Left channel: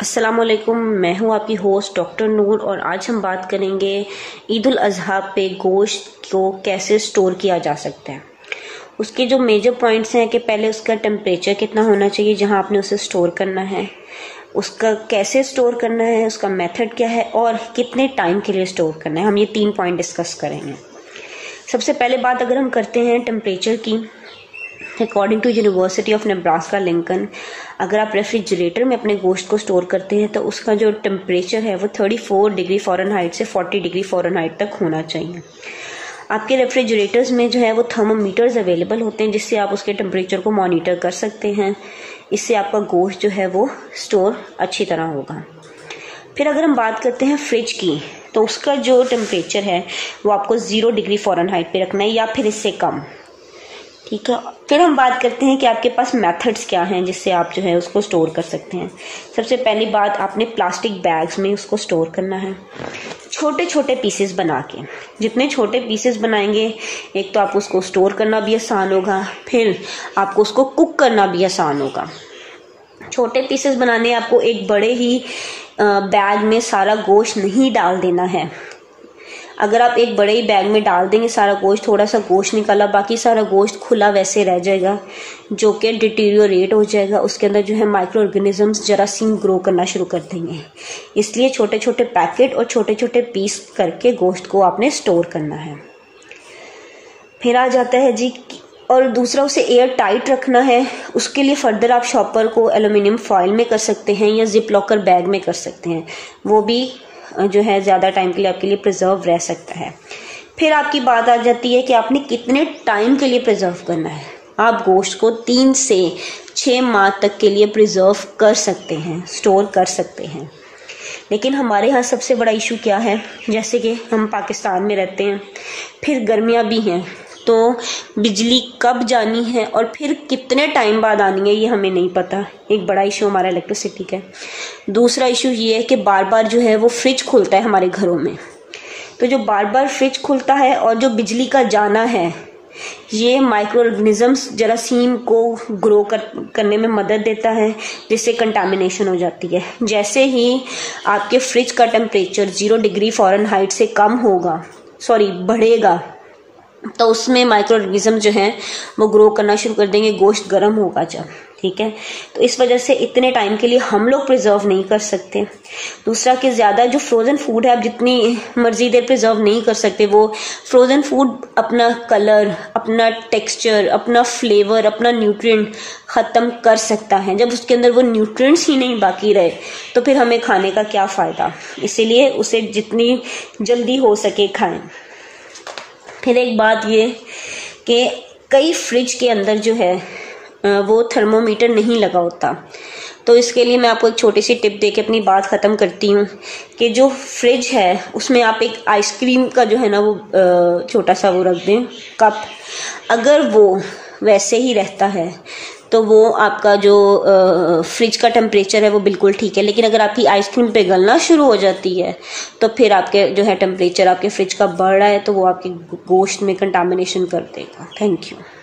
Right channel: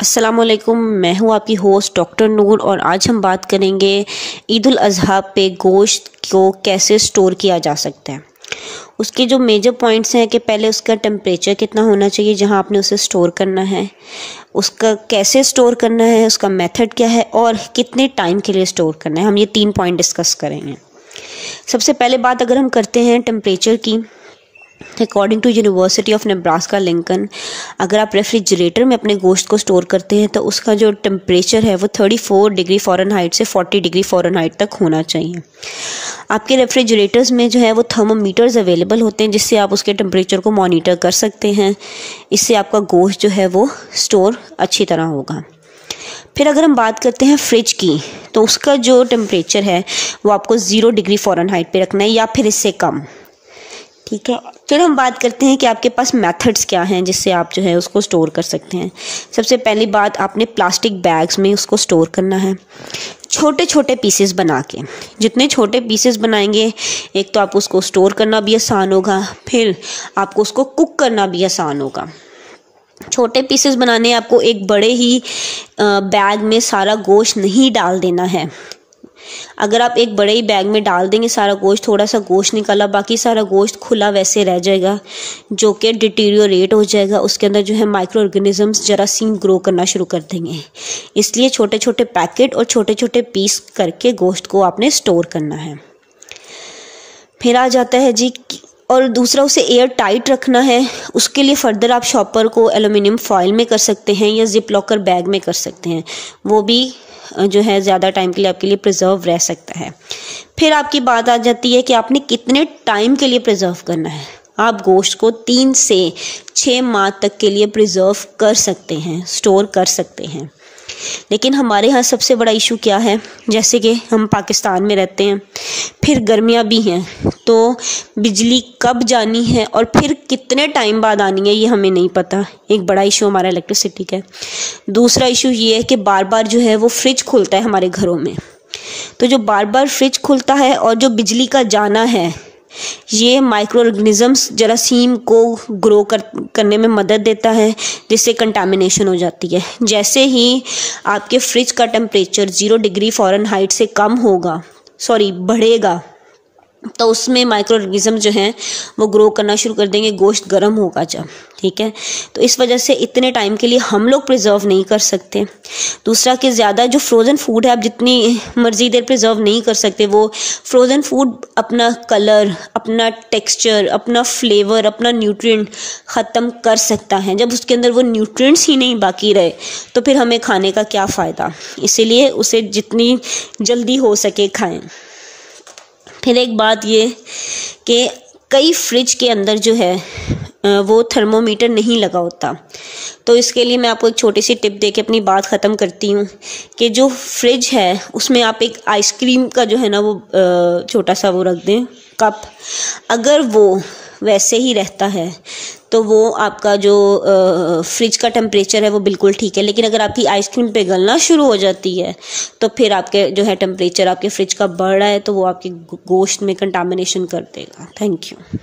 अस्सलामुअलैकुम, मैं हूं आपकी होस्ट डॉक्टर नूर और आज हम बात करेंगे ईद उल अज़हा पे गोश्त को कैसे स्टोर किया जा सकता है। उसके जो मेजर पॉइंट्स हैं कि पहले उसका टेम्परेचर कितना होना चाहिए जहां आपने उसे स्टोर करना है, उसका कैसे स्टोर करना है, उसका मेथड क्या है और कितने टाइम के लिए स्टोर करना है। हम ये 3 पॉइंट डिस्कस करेंगे। सबसे पहले बात अगर हम करते हैं टेम्परेचर की, according to university of Nebraska Lincoln, अगर आप रेफ्रिजरेटर में अपने गोश्त को स्टोर करते हैं तो उसका जो टेम्परेचर है वो 34 डिग्री फ़ारेनहाइट से 40 डिग्री फ़ारेनहाइट तक होना चाहिए। आपके रेफ्रिजरेटर्स में जो है वो थर्मोमीटर्स अवेलेबल होते हैं जिससे आप उसके टेम्परेचर को मॉनिटर कर सकते हैं। इससे आपका गोश्त जो है वो स्टोर अच्छी तरह होगा। फिर अगर हम बात करते हैं फ्रिज की, तो उसका जो टेम्परेचर है वो आपको 0 डिग्री फ़ारेनहाइट पे रखना है या फिर इससे कम, ठीक है। फिर हम बात करते हैं कि आपके पास मेथड्स क्या हैं जिससे आप जो है उसको स्टोर कर सकते हैं। सबसे पहली बात, आपने प्लास्टिक बैग्स में उसको स्टोर करना है, छोटे छोटे पीसेस बना के। जितने छोटे पीसेस बनाएंगे, एक तो आपको उसको स्टोर करना भी आसान होगा, फिर आपको उसको कुक करना भी आसान होगा। छोटे पीसेस बनाने आपको एक बड़े ही बैग में सारा गोश्त नहीं डाल देना है। अगर आप एक बड़े ही बैग में डाल देंगे सारा गोश्त, थोड़ा सा गोश्त निकाला, बाकी सारा गोश्त खुला वैसे रह जाएगा जो कि डिटीरियोरेट हो जाएगा। उसके अंदर जो है माइक्रो ऑर्गेनिजम्स जरासीम ग्रो करना शुरू कर देंगे। इसलिए छोटे छोटे पैकेट और छोटे छोटे पीस करके गोश्त को आपने स्टोर करना है। फिर आ जाता है जी, और दूसरा उसे एयर टाइट रखना है। उसके लिए फर्दर आप शॉपर को एल्युमिनियम फॉइल में कर सकते हैं या जिप लॉकर बैग में कर सकते हैं, वो भी जो है ज़्यादा टाइम के लिए आपके लिए प्रिजर्व रह सकता है। फिर आपकी बात आ जाती है कि आपने कितने टाइम के लिए प्रिजर्व करना है। आप गोश्त को 3 से 6 माह तक के लिए प्रिजर्व कर सकते हैं, स्टोर कर सकते हैं। लेकिन हमारे यहाँ सबसे बड़ा इशू क्या है, जैसे कि हम पाकिस्तान में रहते हैं, फिर गर्मियाँ भी हैं, तो बिजली कब जानी है और फिर कितने टाइम बाद आनी है ये हमें नहीं पता। एक बड़ा इशू हमारा इलेक्ट्रिसिटी का है। दूसरा इशू ये है कि बार बार जो है वो फ्रिज खुलता है हमारे घरों में, तो जो बार बार फ्रिज खुलता है और जो बिजली का जाना है, ये माइक्रो ऑर्गेनिजम्स जरासीम को ग्रो करने में मदद देता है, जिससे कंटामिनेशन हो जाती है। जैसे ही आपके फ्रिज का टेम्परेचर 0 डिग्री फ़ारेनहाइट से कम होगा, बढ़ेगा, तो उसमें माइक्रो ऑर्गेनिज्म जो हैं वो ग्रो करना शुरू कर देंगे, गोश्त गर्म होगा जब, ठीक है। तो इस वजह से इतने टाइम के लिए हम लोग प्रिजर्व नहीं कर सकते। दूसरा कि ज़्यादा जो फ्रोज़न फूड है आप जितनी मर्जी देर प्रिजर्व नहीं कर सकते। वो फ्रोज़न फूड अपना कलर, अपना टेक्सचर, अपना फ्लेवर, अपना न्यूट्रिएंट ख़त्म कर सकता है। जब उसके अंदर वो न्यूट्रिएंट्स ही नहीं बाकी रहे तो फिर हमें खाने का क्या फ़ायदा। इसीलिए उसे जितनी जल्दी हो सके खाएं। फिर एक बात ये कि कई फ्रिज के अंदर जो है वो थर्मोमीटर नहीं लगा होता, तो इसके लिए मैं आपको एक छोटी सी टिप दे के अपनी बात ख़त्म करती हूँ कि जो फ्रिज है उसमें आप एक आइसक्रीम का जो है ना वो छोटा सा वो रख दें कप। अगर वो वैसे ही रहता है तो वो आपका जो फ्रिज का टेम्परेचर है वो बिल्कुल ठीक है। लेकिन अगर आपकी आइसक्रीम पिघलना शुरू हो जाती है तो फिर आपके जो है टेम्परेचर आपके फ्रिज का बढ़ रहा है, तो वो आपके गोश्त में कंटामिनेशन कर देगा। Thank you.